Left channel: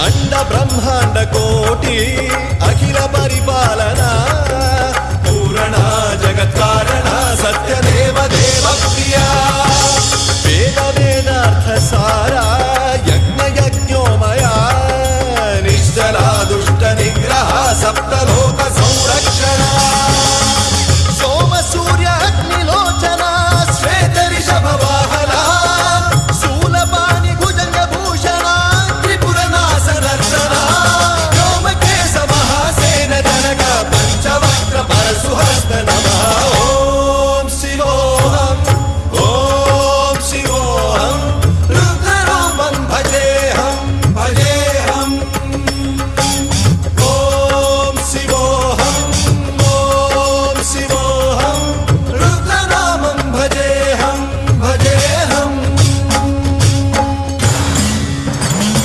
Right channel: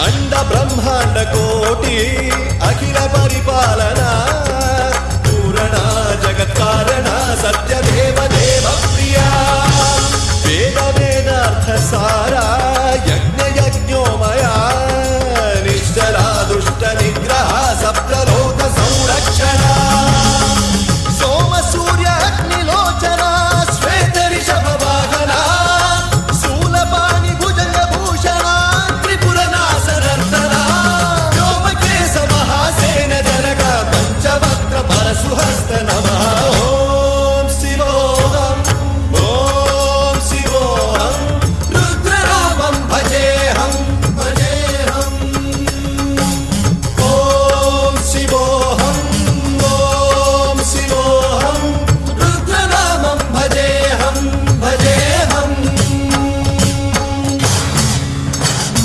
अंड ब्रह्मांड कोटि अखिल परिपालना पूरणा जगत्कारणा सत्यदेव देव प्रिया वेद वेदार्थ सारा यज्ञ यज्ञोमया निश्चला दुष्ट निग्रह सप्तलो